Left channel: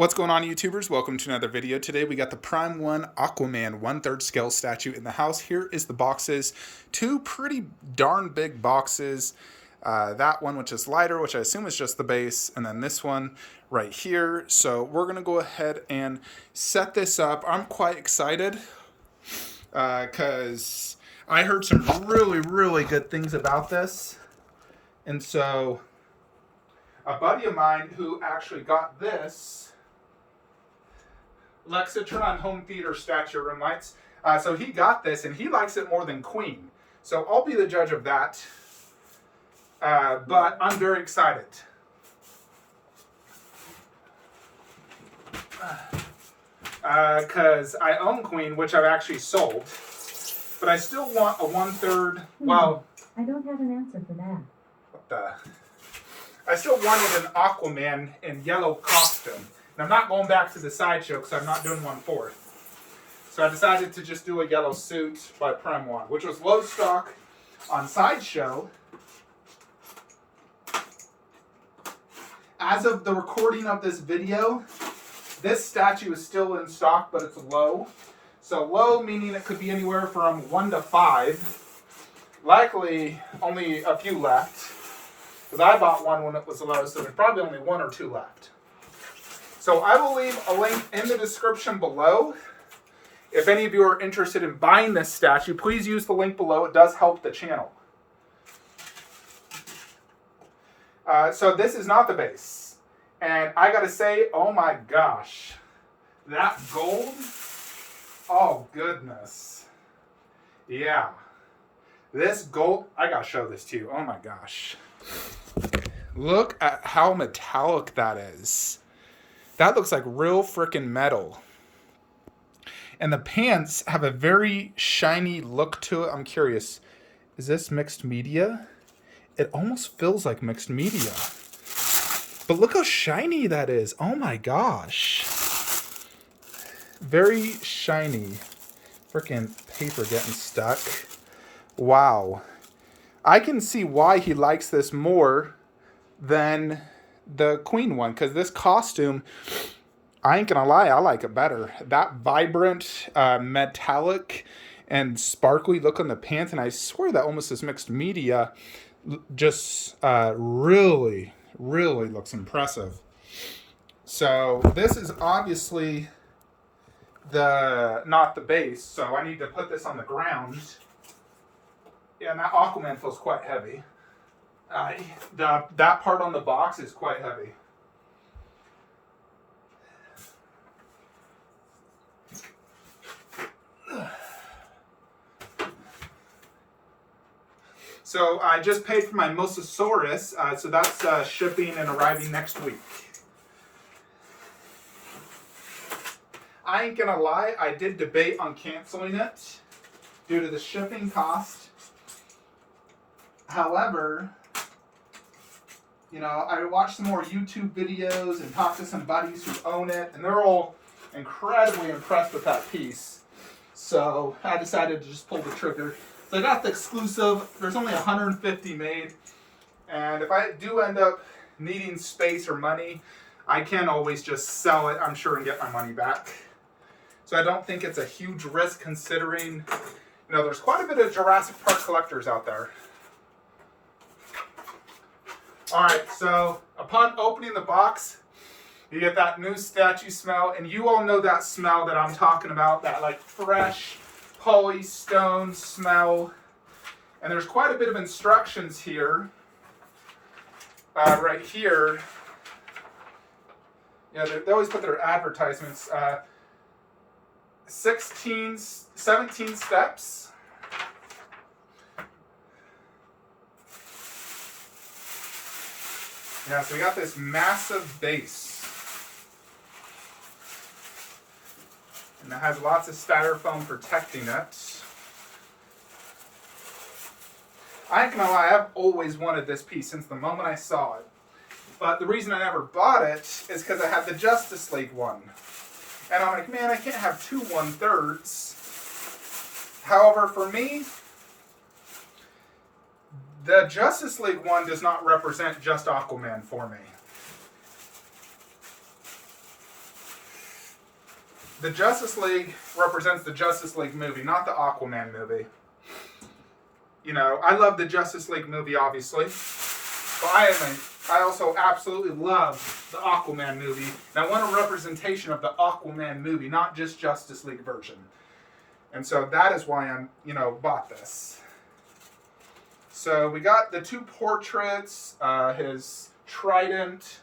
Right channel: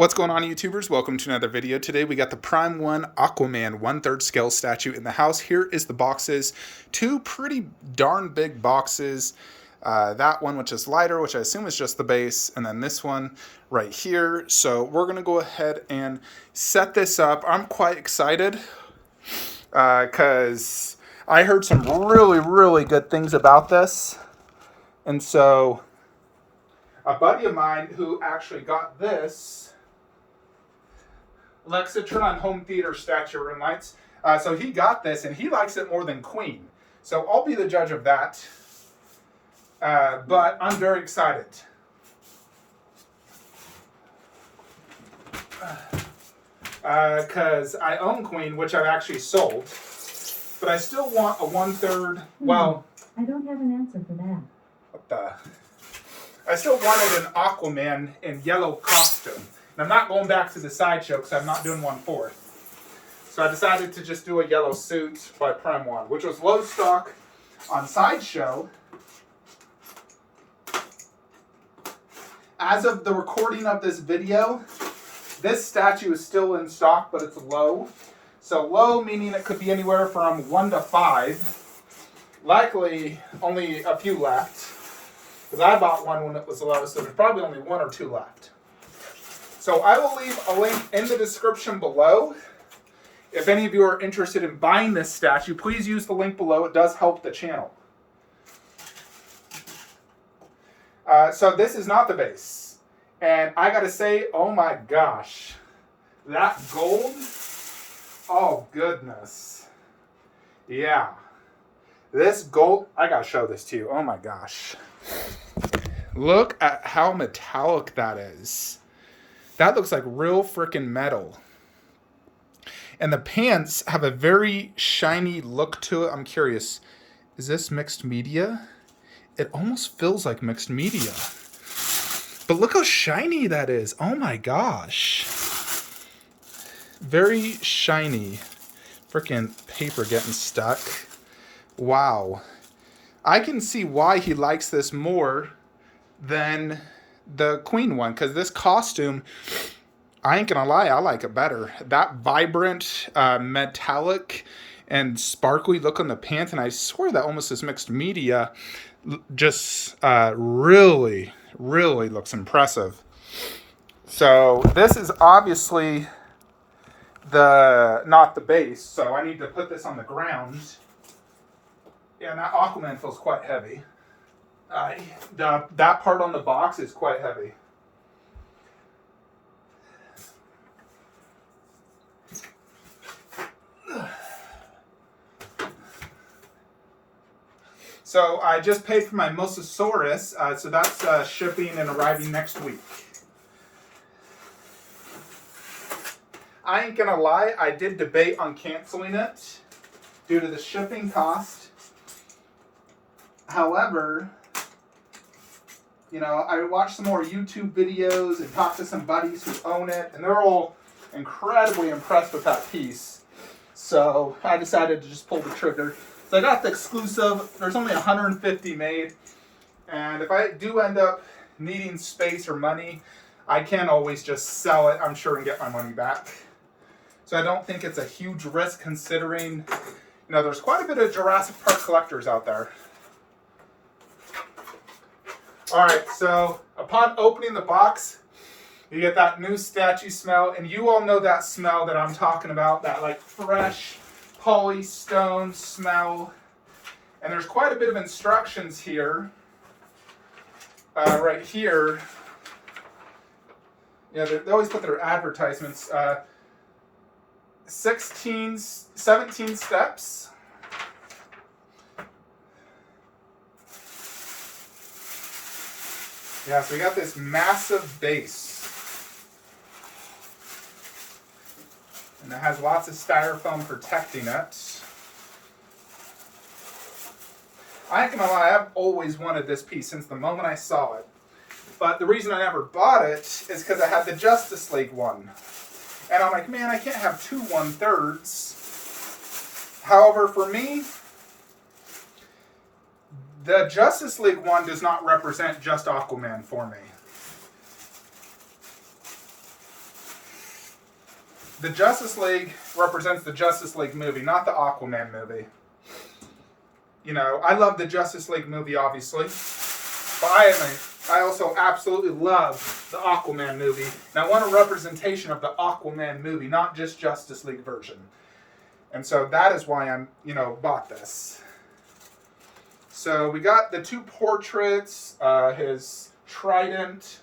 What's going on, YouTubers? Welcome to another video. Today we got the Prime 1 Aquaman 1/3 scale statue in the house. Here is the boxes. Two pretty darn big boxes. That one, which is lighter, which I assume is just the base, and then this one right here. So we're going to go ahead and set this up. I'm quite excited because I heard some really good things about this. And so a buddy of mine who actually got this Lexitron home theater statue room lights. So he got this and he likes it more than Queen. So I'll be the judge of that. But I'm very excited. Because I own Queen, which I've actually sold. But I still want a 1/3. Well, I don't have an answer for that. What the? I still wanted an Aquaman in yellow costume. And I'm not going back to the sideshow because I'm not doing 1/4. So I decided to just do a yellow suit by Prime 1, which was low stock on sideshow. As of the recording of this video, this statue is still in stock, but it's low. So low meaning it could be anywhere from 1 to 5. Likely only a few left. Because I bought one when it was low, so there's probably only 1 or 2 left. So I will leave a link in the description below. If any of you are interested in buying this statue, please use the link below. It does help the channel. So this is not the base. And I gotta say, oh my gosh. That gold, oh goodness. Yeah. This gold, I gotta show this to you. Oh my gosh. Look at how metallic that is. That looks like real freaking metal. And the pants have a very shiny look to it. I'm curious, is this mixed media? It almost feels like mixed media. But look how shiny that is. Oh my gosh. Very shiny. Freaking paper getting stuck. Wow. I can see why he likes this more than the Queen one, because this costume, I ain't gonna lie, I like it better. That vibrant, metallic, and sparkly look on the pants, and I swear that almost is mixed media, just really looks impressive. So this is obviously not the base, so I need to put this on the ground. Yeah, and that Aquaman feels quite heavy. That part on the box is quite heavy. So I just paid for my Mosasaurus, so that's shipping and arriving next week. I ain't gonna lie, I did debate on canceling it due to the shipping cost. However, you know, I watched some more YouTube videos and talked to some buddies who own it, and they're all incredibly impressed with that piece. So I decided to just pull the trigger. So I got the exclusive. There's only 150 made. And if I do end up needing space or money, I can always just sell it, I'm sure, and get my money back. So I don't think it's a huge risk considering, you know, there's quite a bit of Jurassic Park collectors out there. All right, so upon opening the box, you get that new statue smell, and you all know that smell that I'm talking about, that like fresh polystone smell. And there's quite a bit of instructions here, right here. Yeah, they always put their advertisements. 17 steps. Yeah, so we got this massive base. And it has lots of styrofoam protecting it. I ain't gonna lie, I've always wanted this piece since the moment I saw it. But the reason I never bought it is because I had the Justice League one. And I'm like, man, I can't have two 1/3s. However, for me, the Justice League one does not represent just Aquaman for me. the Justice League represents the Justice League movie, not the Aquaman movie. You know, I love the Justice League movie, obviously, but I also absolutely love the Aquaman movie, and I want a representation of the Aquaman movie, not just Justice League version. And so that is why I'm, bought this. So we got the 2 portraits, his Trident.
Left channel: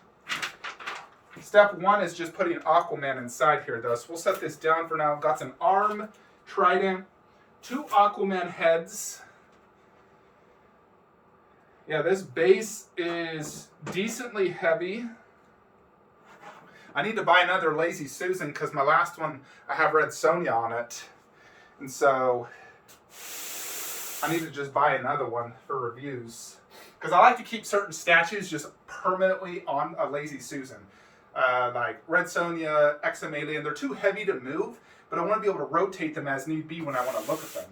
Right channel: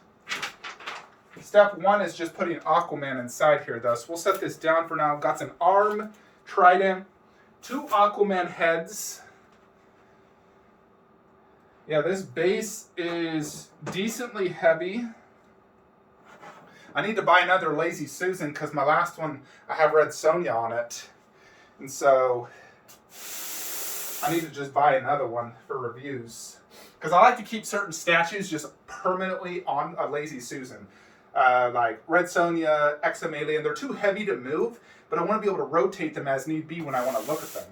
Step 1 is just putting Aquaman inside here, though. So we'll set this down for now. Got an arm, Trident, 2 Aquaman heads. Yeah, this base is decently heavy. I need to buy another Lazy Susan because my last one, I have Red Sonja on it. And so I need to just buy another one for reviews. Because I like to keep certain statues just permanently on a Lazy Susan. Like Red Sonja, Alien, they're too heavy to move, but I want to be able to rotate them as need be when I want to look at them.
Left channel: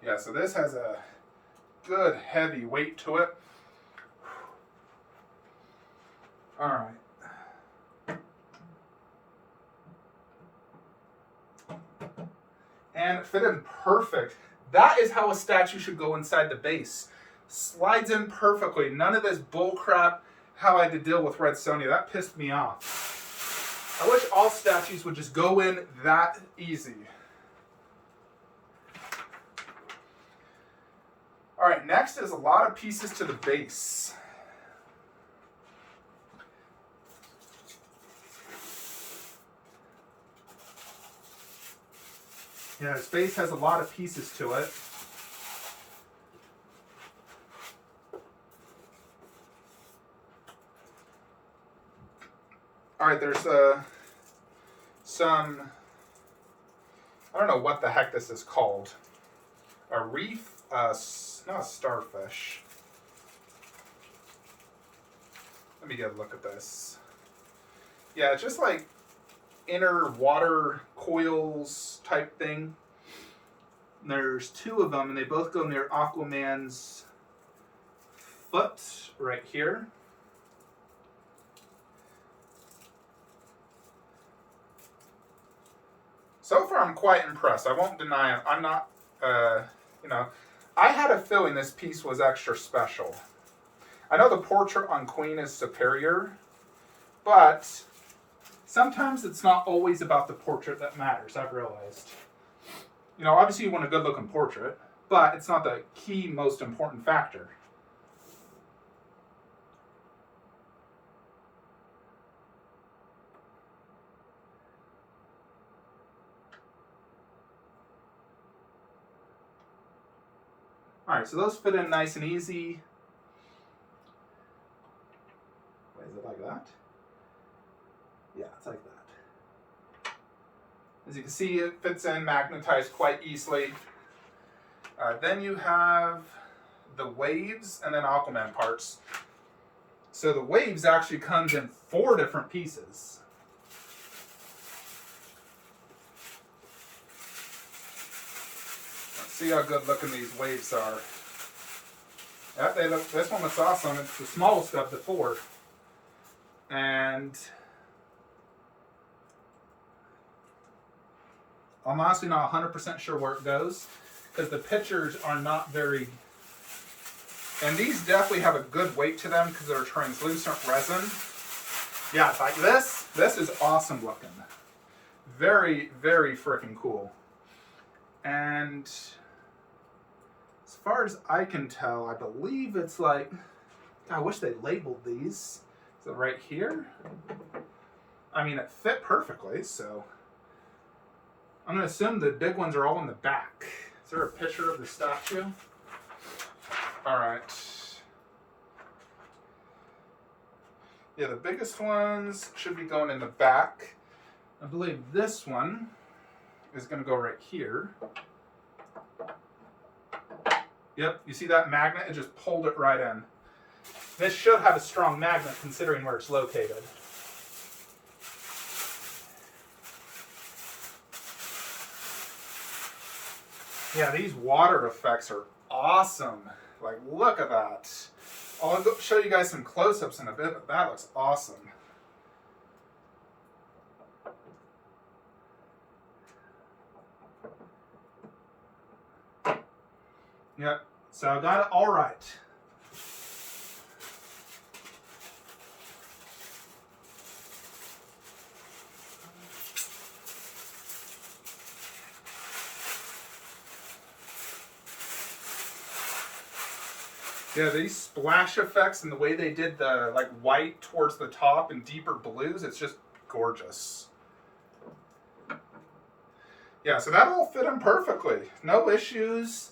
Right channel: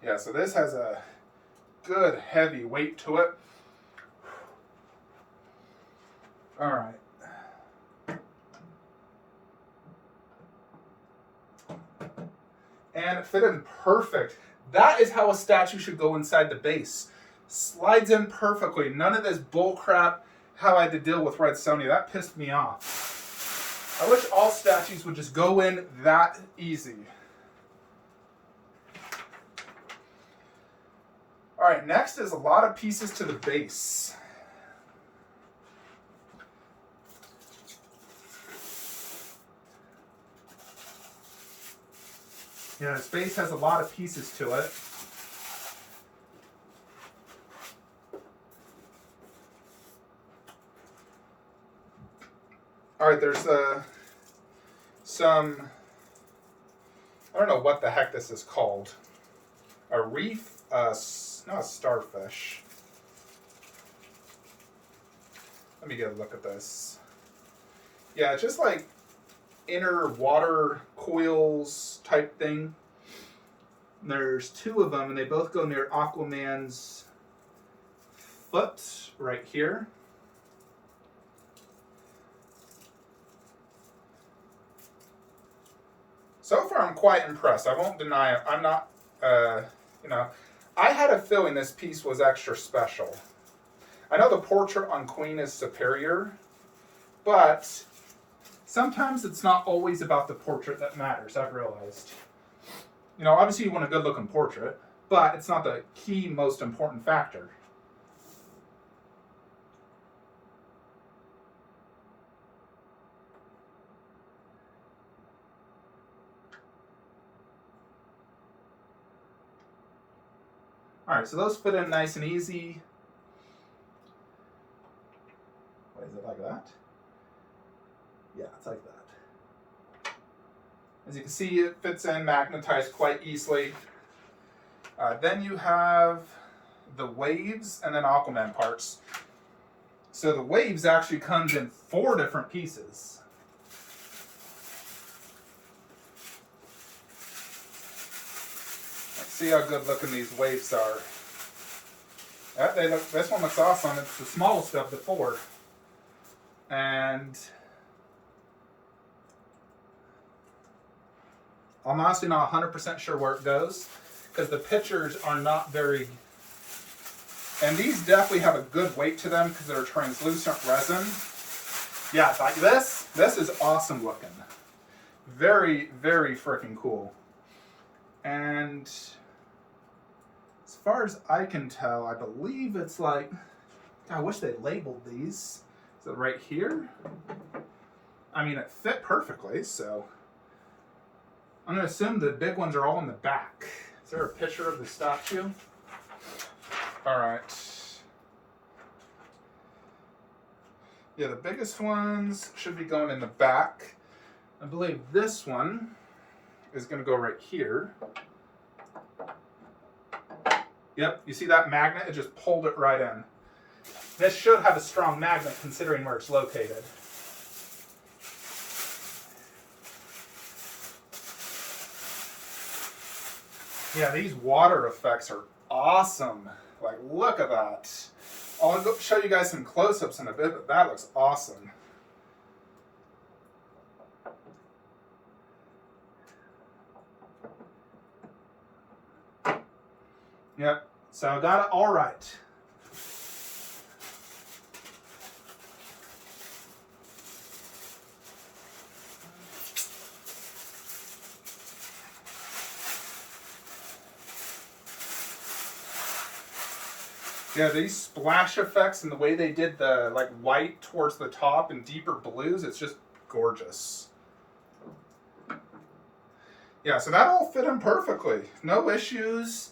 Yeah, so this has a good heavy weight to it. All right. And it fit in perfect. That is how a statue should go inside the base. Slides in perfectly. None of this bull crap how I had to deal with Red Sonja. That pissed me off. I wish all statues would just go in that easy. All right, next is a lot of pieces to the base. Yeah, this base has a lot of pieces to it. All right, there's some, I don't know what the heck this is called. A reef, not a starfish. Let me get a look at this. Yeah, it's just like inner water coils type thing. There's 2 of them, and they both go near Aquaman's foot right here. So far, I'm quite impressed. I won't deny it. I'm not, I had a feeling this piece was extra special. I know the portrait on Queen is superior, but sometimes it's not always about the portrait that matters, I've realized. Obviously you want a good-looking portrait, but it's not the key, most important factor. All right, so those fit in nice and easy. Wait, is it like that? Yeah, it's like that. As you can see, it fits in, magnetized quite easily. Then you have the waves and then Aquaman parts. So the waves actually comes in 4 different pieces. Let's see how good looking these waves are. Yeah, this one looks awesome. It's the smallest of the 4. And I'm honestly not 100% sure where it goes because the pictures are not very... And these definitely have a good weight to them because they're translucent resin. Yeah, like this is awesome looking. Very, very freaking cool. And as far as I can tell, I believe it's like... God, I wish they labeled these. Is it right here? I mean, it fit perfectly, so... I'm going to assume the big ones are all in the back. Is there a picture of the statue? All right. Yeah, the biggest ones should be going in the back. I believe this one is going to go right here. Yep, you see that magnet? It just pulled it right in. This should have a strong magnet considering where it's located. Yeah, these water effects are awesome. Like, look at that. I'll show you guys some close-ups in a bit, but that looks awesome. Yep, so I got it all right. Yeah, these splash effects and the way they did the like white towards the top and deeper blues, it's just gorgeous. Yeah, so that all fit in perfectly. No issues.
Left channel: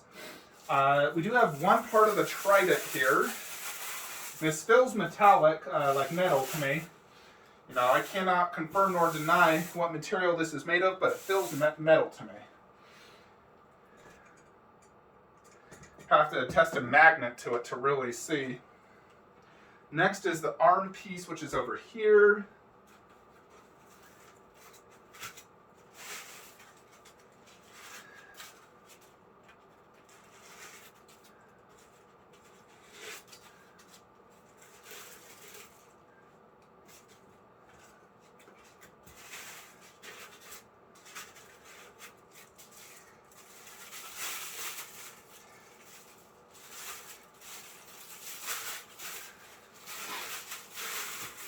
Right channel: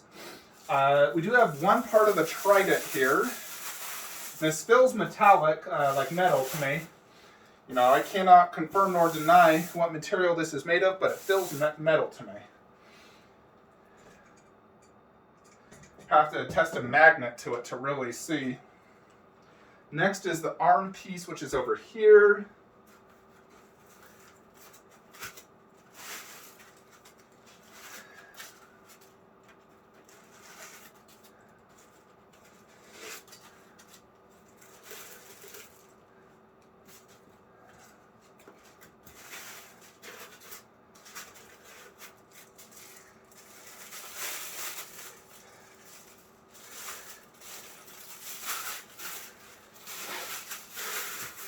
We do have one part of the Trident here. And it feels metallic, like metal to me. You know, I cannot confirm nor deny what material this is made of, but it feels metal to me. Have to attach a magnet to it to really see. Next is the arm piece, which is over here.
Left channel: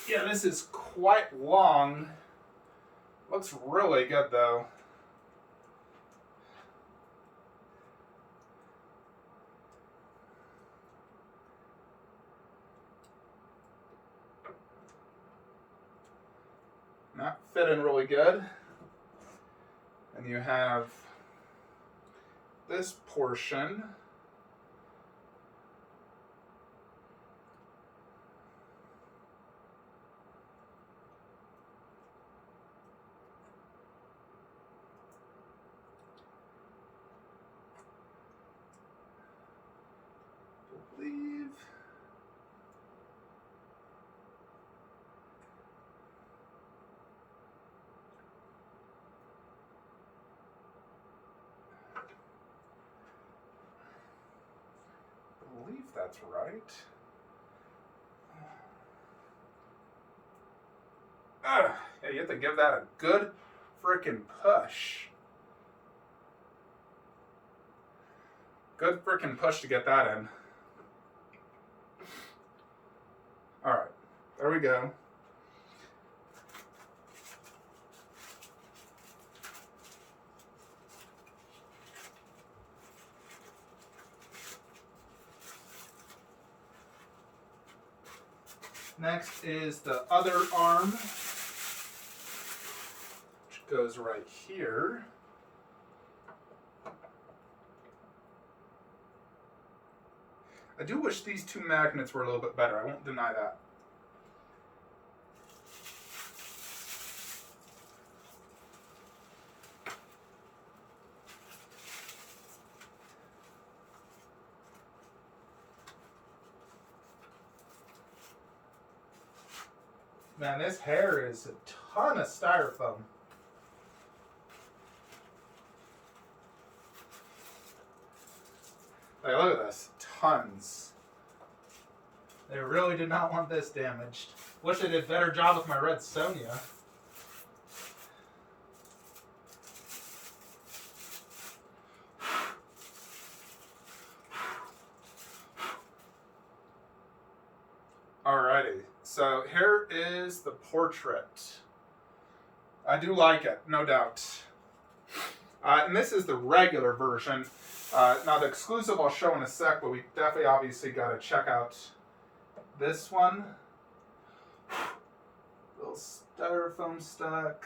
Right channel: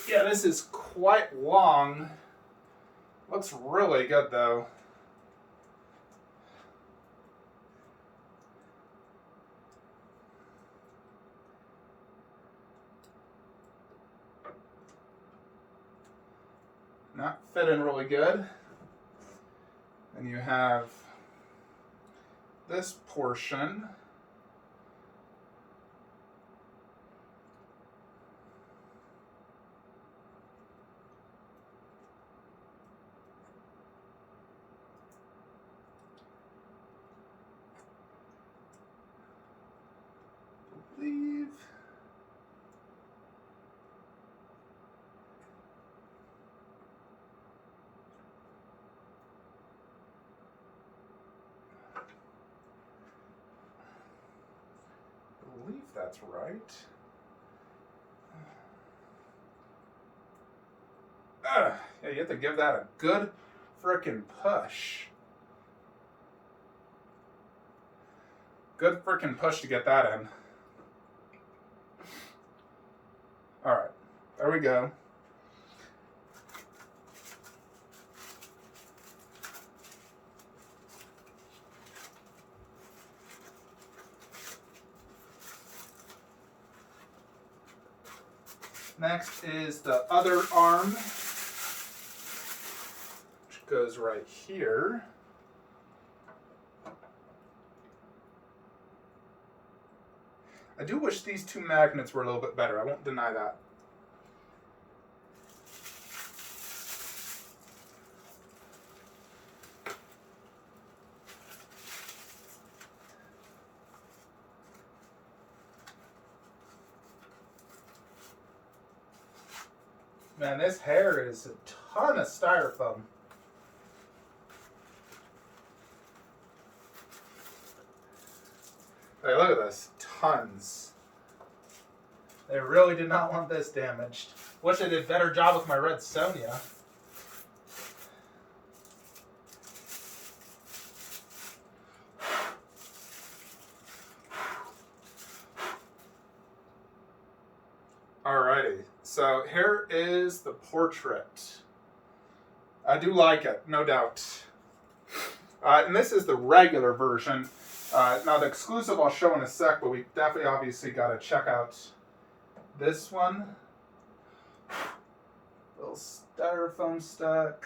Yeah, this is quite long. Looks really good though. And that fit in really good. And you have this portion. Believe. Believe that's right. Yeah, you have to give that a good frickin' push. Good frickin' push to get that in. Alright, there we go. Next is the other arm, which goes right here. I do wish these two magnets were a little bit better. I won't deny that. Man, this hair is a ton of styrofoam. Hey, look at this. Tons. They really did not want this damaged. Wish I did a better job with my red Sonia. Alrighty, so here is the portrait. I do like it, no doubt. And this is the regular version. Now the exclusive I'll show in a sec, but we definitely obviously got to check out this one. Little styrofoam stuck.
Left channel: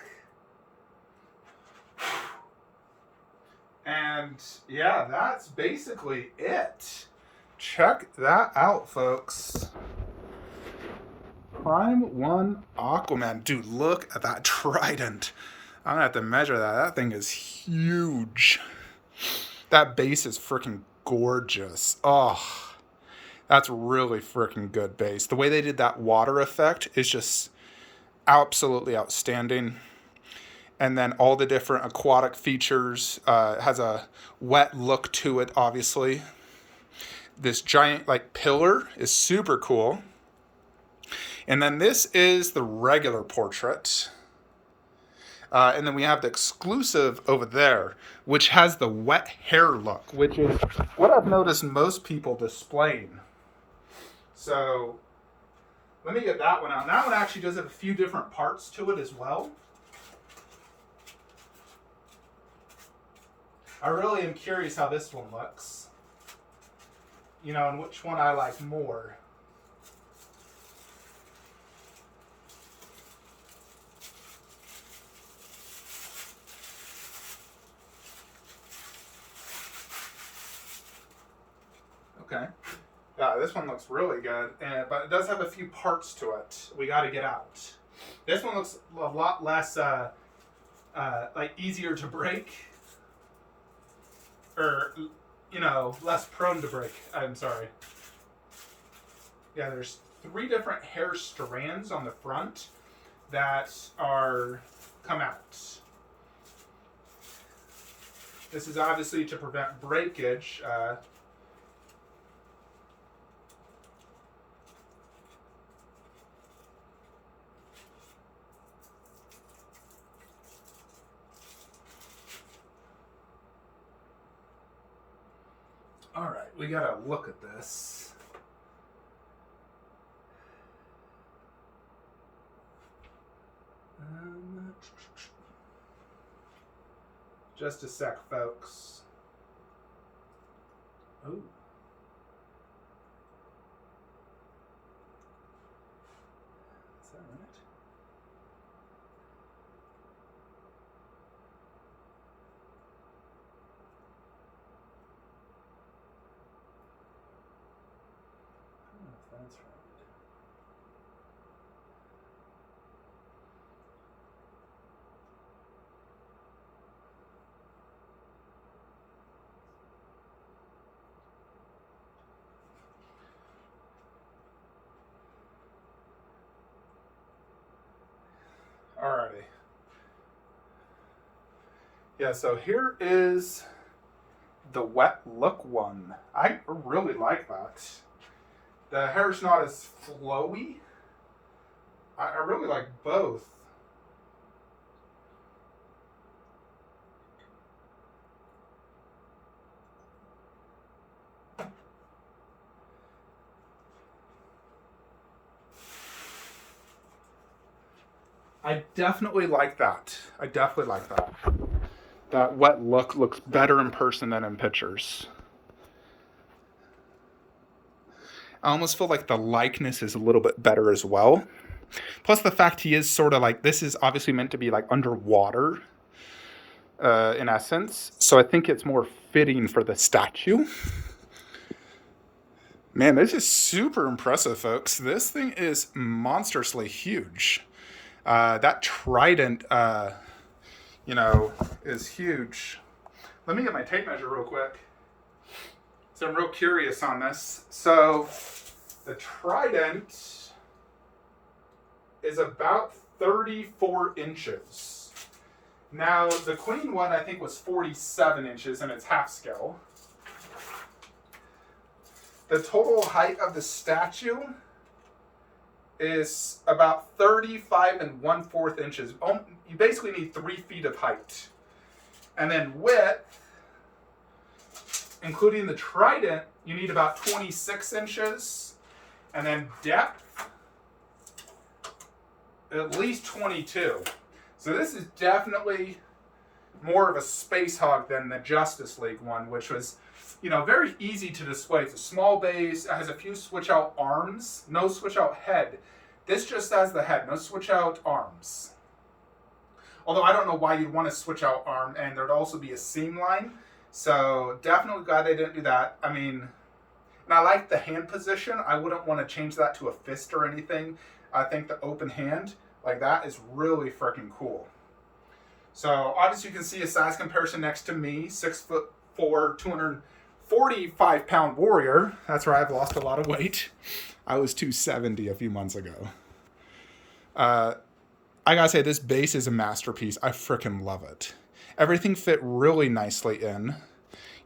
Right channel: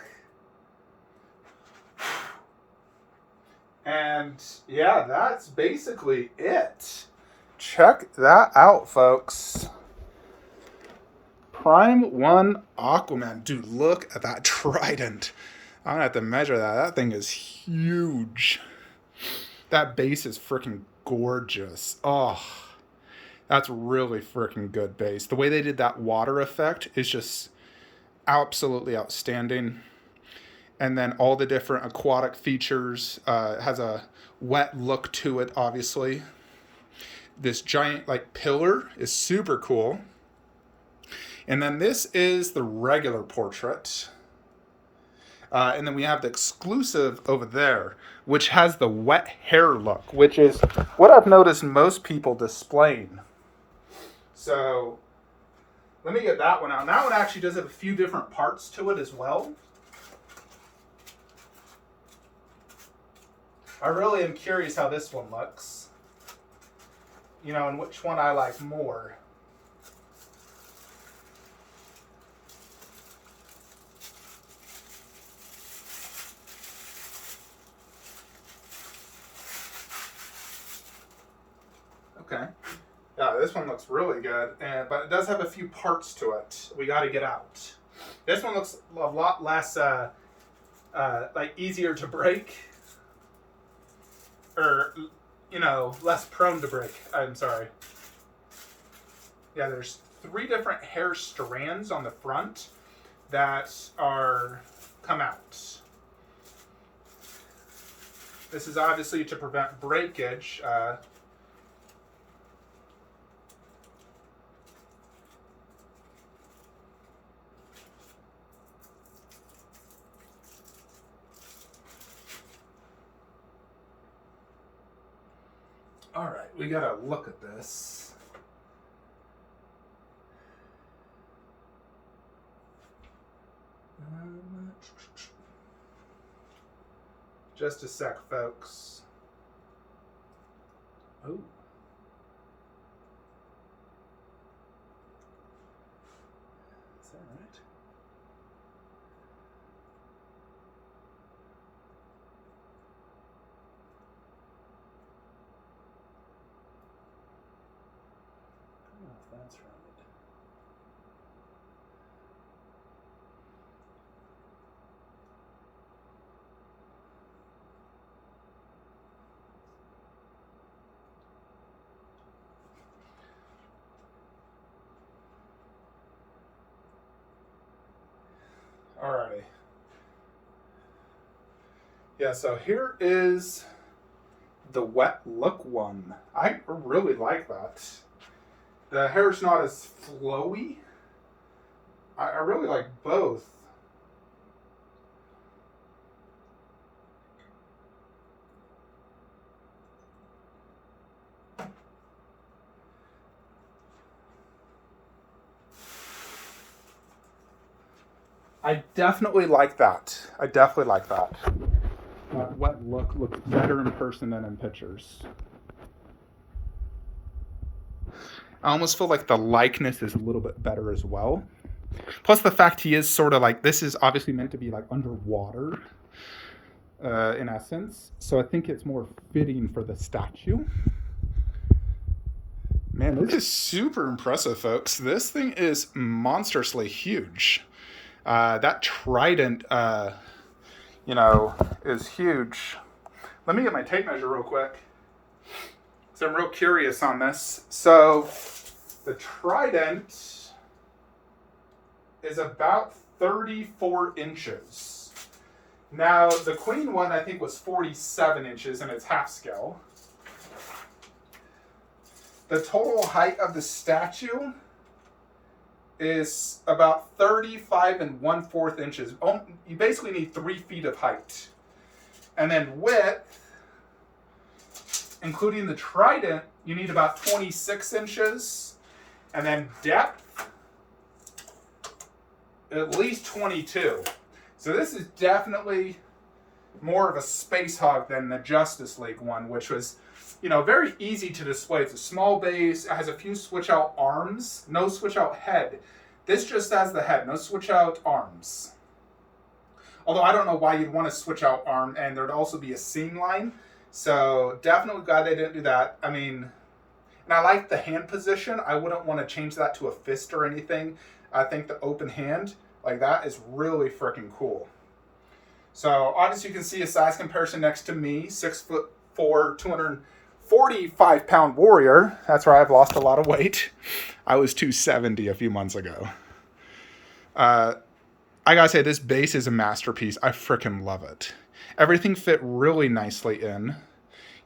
And yeah, that's basically it. Check that out, folks. Prime 1 Aquaman. Dude, look at that Trident. I'm gonna have to measure that. That thing is huge. That base is freaking gorgeous. Oh, that's really freaking good base. The way they did that water effect is just absolutely outstanding. And then all the different aquatic features. Has a wet look to it, obviously. This giant like pillar is super cool. And then this is the regular portrait. And then we have the exclusive over there, which has the wet hair look, which is what I've noticed most people displaying. So let me get that one out. And that one actually does have a few different parts to it as well. I really am curious how this one looks. You know, and which one I like more. Okay. Yeah, this one looks really good, but it does have a few parts to it we got to get out. This one looks a lot less, like easier to break, or you know, less prone to break. I'm sorry. Yeah, there's 3 different hair strands on the front that are come out. This is obviously to prevent breakage. All right, we gotta look at this. Just a sec, folks. Oh. Is that right? I don't know if that's right. Alrighty. Yeah, so here is the wet look one. I really like that. The hair's not as flowy. I really like both. I definitely like that. I definitely like that. That wet look looks better in person than in pictures. I almost feel like the likeness is a little bit better as well. Plus the fact he is sort of like, this is obviously meant to be like underwater, in essence. So I think it's more fitting for the statue. Man, this is super impressive, folks. This thing is monstrously huge. That Trident, you know, is huge. Let me get my tape measure real quick. So I'm real curious on this. So the Trident is about 34 inches. Now, the Queen one, I think, was 47 inches, and it's half scale. The total height of the statue is about 35 1/4 inches. You basically need 3 feet of height. And then width, including the Trident, you need about 26 inches. And then depth, at least 22. So this is definitely more of a space hog than the Justice League one, which was, you know, very easy to display. It's a small base, it has a few switch out arms, no switch out head. This just has the head, no switch out arms. Although I don't know why you'd want to switch out arm, and there'd also be a seam line. So definitely glad they didn't do that. I mean, and I like the hand position. I wouldn't want to change that to a fist or anything. I think the open hand like that is really freaking cool. So obviously you can see a size comparison next to me, 6'4", 245-pound warrior. That's where I've lost a lot of weight. I was 270 a few months ago. I gotta say, this base is a masterpiece. I freaking love it. Everything fit really nicely in.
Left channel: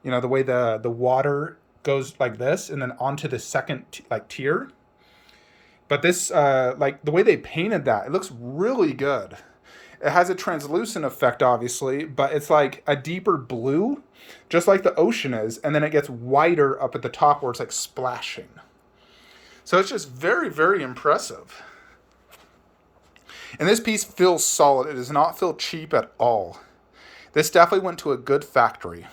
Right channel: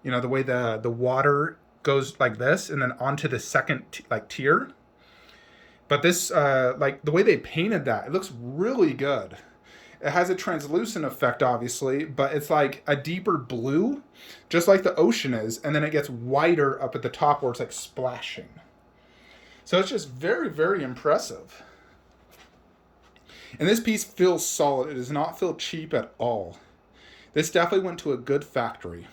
You know, the way the water goes like this and then onto the second like tier. But this, like the way they painted that, it looks really good. It has a translucent effect, obviously, but it's like a deeper blue, just like the ocean is. And then it gets whiter up at the top where it's like splashing. So it's just very, very impressive. And this piece feels solid. It does not feel cheap at all. This definitely went to a good factory.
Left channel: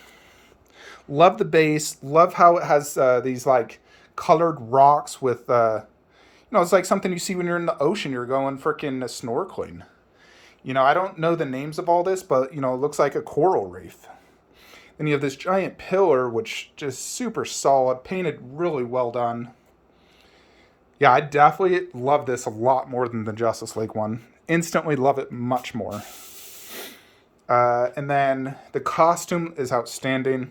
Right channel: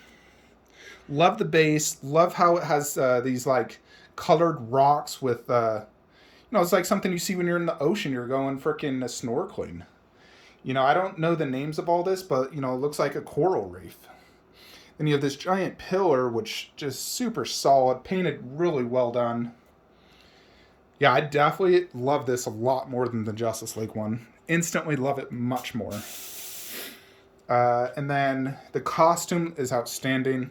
Love the base. Love how it has these like colored rocks with, it's like something you see when you're in the ocean. You're going freaking snorkeling. You know, I don't know the names of all this, but, it looks like a coral reef. Then you have this giant pillar, which just super solid, painted really well done. Yeah, I definitely love this a lot more than the Justice League one. Instantly love it much more. And then the costume is outstanding.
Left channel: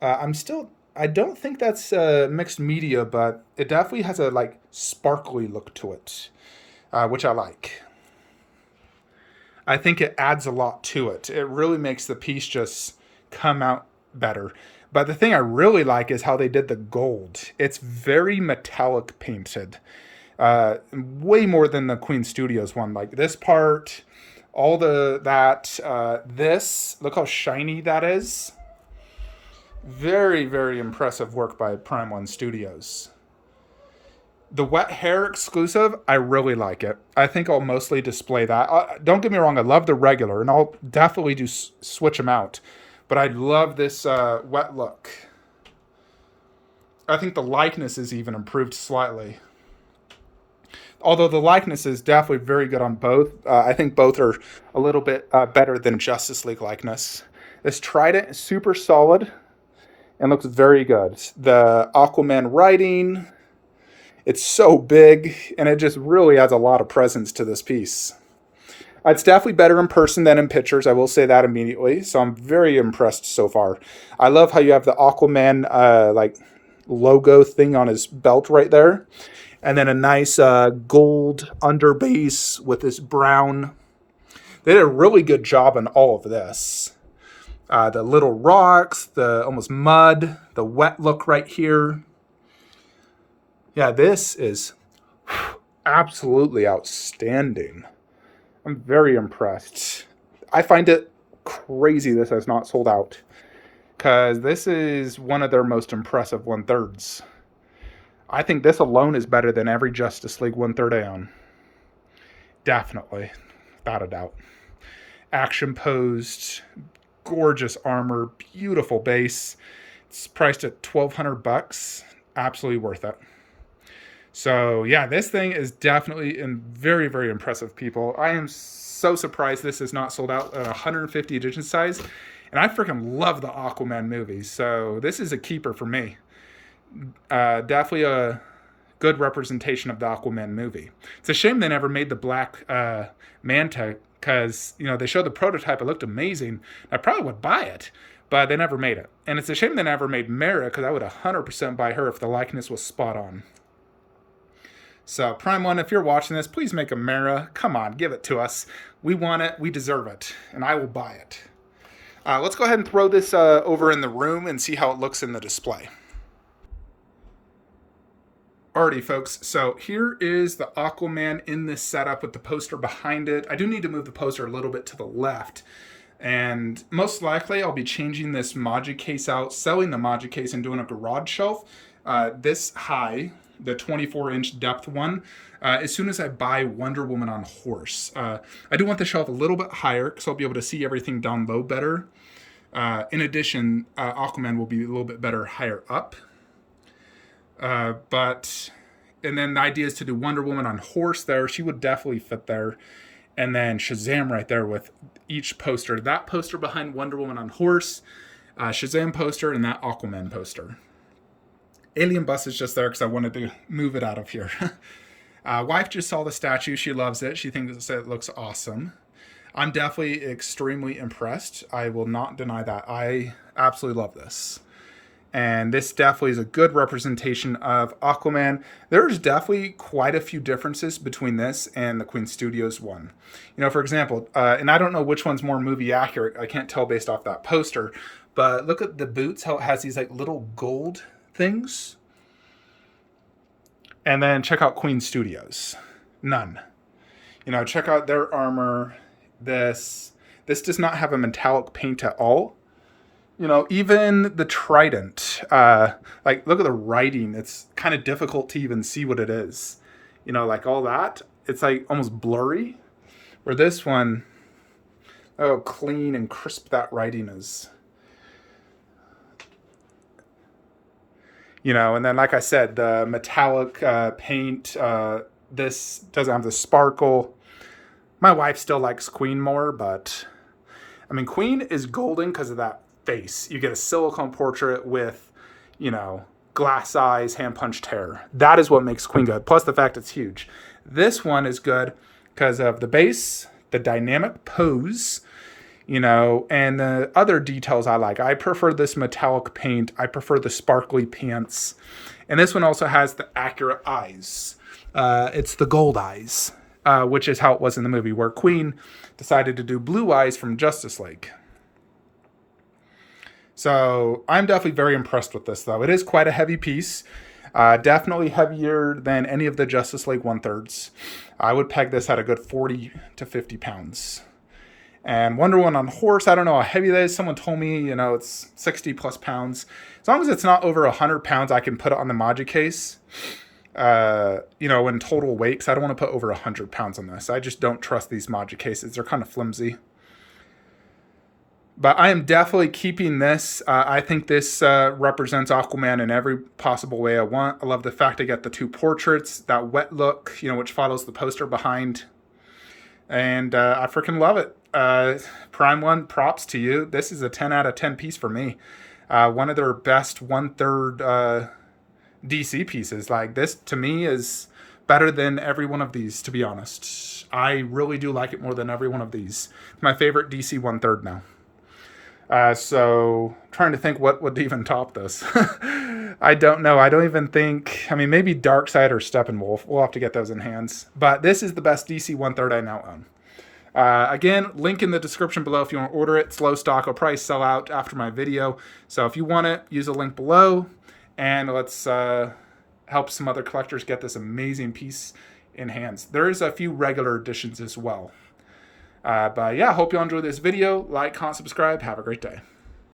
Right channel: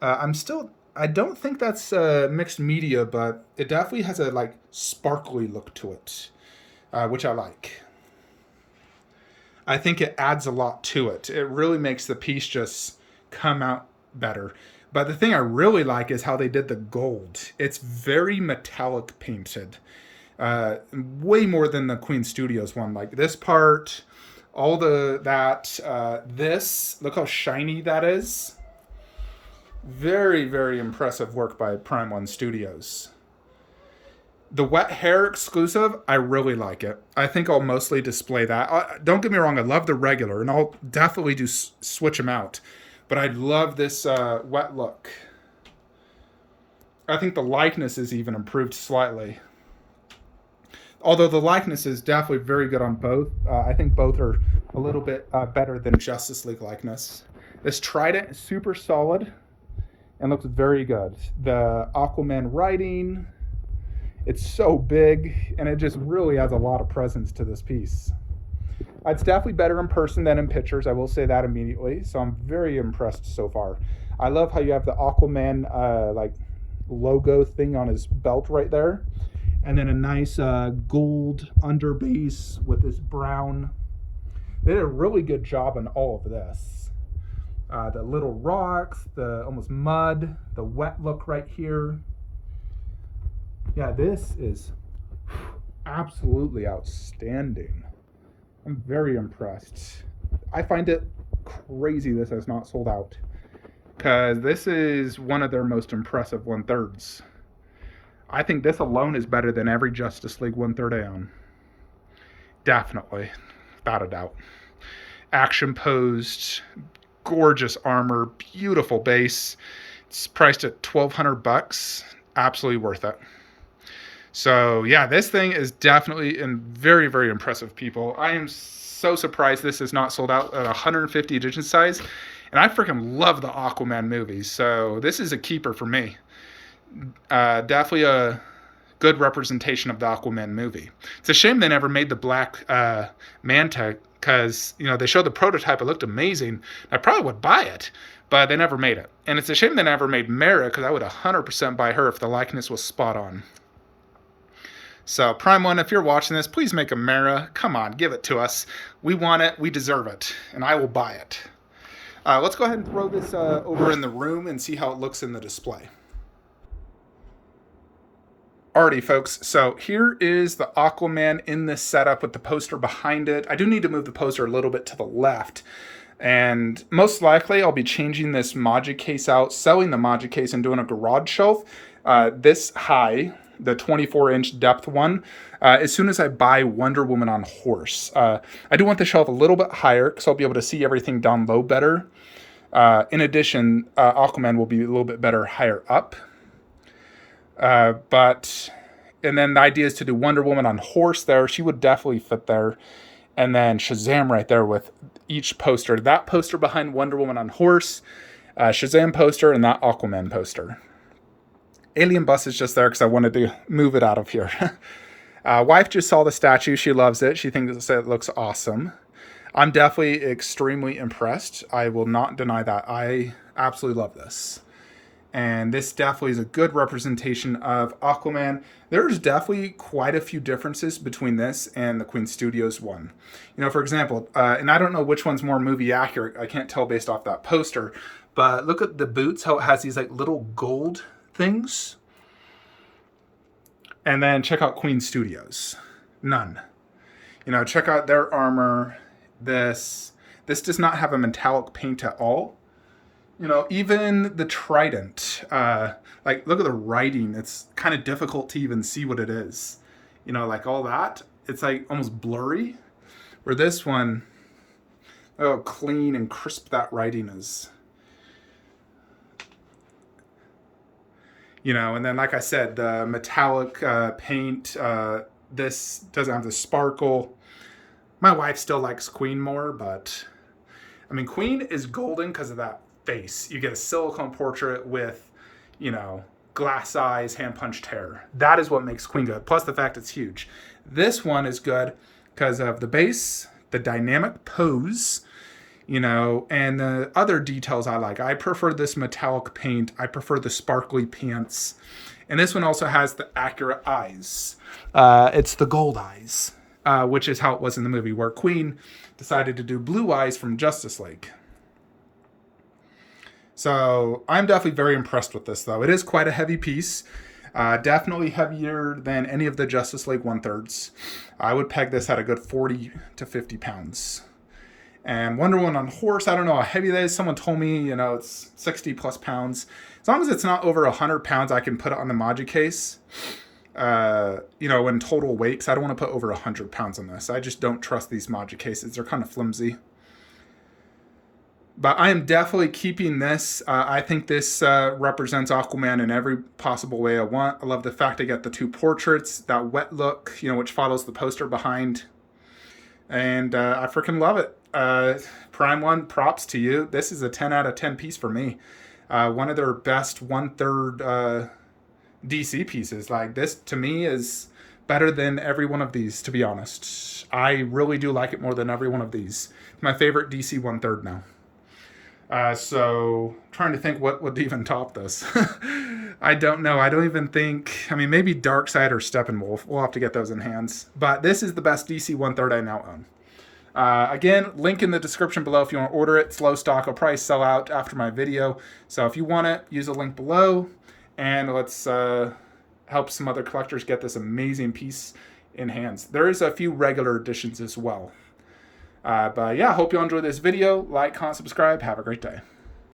I don't think that's mixed media, but it definitely has a like sparkly look to it, which I like. I think it adds a lot to it. It really makes the piece just come out better. But the thing I really like is how they did the gold. It's very metallic painted. Way more than the Queen Studios one. Like this part, all this, look how shiny that is. Very, very impressive work by Prime One Studios. The wet hair exclusive, I really like it. I think I'll mostly display that. Don't get me wrong, I love the regular, and I'll definitely do switch them out. But I love this wet look. I think the likeness is even improved slightly. Although the likeness is definitely very good on both. I think both are a little bit better than Justice League likeness. This Trident is super solid and looks very good. The Aquaman writing, it's so big, and it just really adds a lot of presence to this piece. It's definitely better in person than in pictures. I will say that immediately. So I'm very impressed so far. I love how you have the Aquaman like logo thing on his belt right there. And then a nice gold under base with this brown. They did a really good job on all of this. The little rocks, the almost mud, the wet look right here. Yeah, this is absolutely outstanding. I'm very impressed. I find it crazy this has not sold out, because this is one of their most impressive 1/3s. I think this alone is better than every Justice League 1/3 I own. Definitely, without a doubt. Action posed, gorgeous armor, beautiful base. It's priced at $1,200. Absolutely worth it. So yeah, this thing is definitely very, very impressive, people. I am so surprised this is not sold out at 150 edition size. And I freaking love the Aquaman movies. So this is a keeper for me. Definitely a good representation of the Aquaman movie. It's a shame they never made the Black Manta, because they showed the prototype. It looked amazing. I probably would buy it, but they never made it. And it's a shame they never made Mara, because I would 100% buy her if the likeness was spot on. So Prime One, if you're watching this, please make a Mara. Come on, give it to us. We want it. We deserve it. And I will buy it. Let's go ahead and throw this over in the room and see how it looks in the display. Alrighty, folks. So here is the Aquaman in this setup with the poster behind it. I do need to move the poster a little bit to the left. And most likely I'll be changing this Magic case out, selling the Magic case and doing a garage shelf this high, the 24-inch depth one, as soon as I buy Wonder Woman on horse. I do want the shelf a little bit higher because I'll be able to see everything down low better. In addition, Aquaman will be a little bit better higher up. And then the idea is to do Wonder Woman on horse there. She would definitely fit there. And then Shazam right there with each poster. That poster behind Wonder Woman on horse, Shazam poster, and that Aquaman poster. Alien Bus is just there because I wanted to move it out of here. Wife just saw the statue. She loves it. She thinks it looks awesome. I'm definitely extremely impressed. I will not deny that. I absolutely love this. And this definitely is a good representation of Aquaman. There's definitely quite a few differences between this and the Queen Studios one. You know, for example, and I don't know which one's more movie accurate. I can't tell based off that poster. But look at the boots, how it has these like little gold things. And then check out Queen Studios. None. You know, check out their armor. This does not have a metallic paint at all. You know, even the Trident, like, look at the writing. It's kind of difficult to even see what it is. You know, like all that, it's like almost blurry. Where this one, oh, clean and crisp that writing is. You know, and then like I said, the metallic paint, this doesn't have the sparkle. My wife still likes Queen more, but I mean, Queen is golden because of that face. You get a silicone portrait with, you know, glass eyes, hand punched hair. That is what makes Queen good. Plus the fact it's huge. This one is good because of the base, the dynamic pose, you know, and the other details I like. I prefer this metallic paint. I prefer the sparkly pants. And this one also has the accurate eyes. It's the gold eyes, which is how it was in the movie, where Queen decided to do blue eyes from Justice League. So I'm definitely very impressed with this, though. It is quite a heavy piece. Definitely heavier than any of the Justice League 1/3. I would peg this at a good 40 to 50 pounds. And Wonder Woman on the horse, I don't know how heavy that is. Someone told me, you know, it's 60 plus pounds. As long as it's not over 100 pounds, I can put it on the Maji case. You know, in total weight, 'cause I don't want to put over 100 pounds on this. I just don't trust these Maji cases. They're kind of flimsy. But I am definitely keeping this. I think this represents Aquaman in every possible way I want. I love the fact I get the two portraits, that wet look, you know, which follows the poster behind. And I freaking love it. Prime One, props to you. This is a 10 out of 10 piece for me. One of their best 1/3 DC pieces. Like, this to me is better than every one of these, to be honest. I really do like it more than every one of these. It's my favorite DC 1/3 now. So trying to think what would even top this. I don't know. I don't even think, I mean, maybe Darkseid or Steppenwolf. We'll have to get those in hands. But this is the best DC 1/3 I now own. Again, link in the description below if you want to order it. Slow stock will probably sell out after my video. So if you want it, use the link below. And let's help some other collectors get this amazing piece in hands. There is a few regular editions as well. But yeah, hope you all enjoyed this video. Like, comment, subscribe. Have a great day.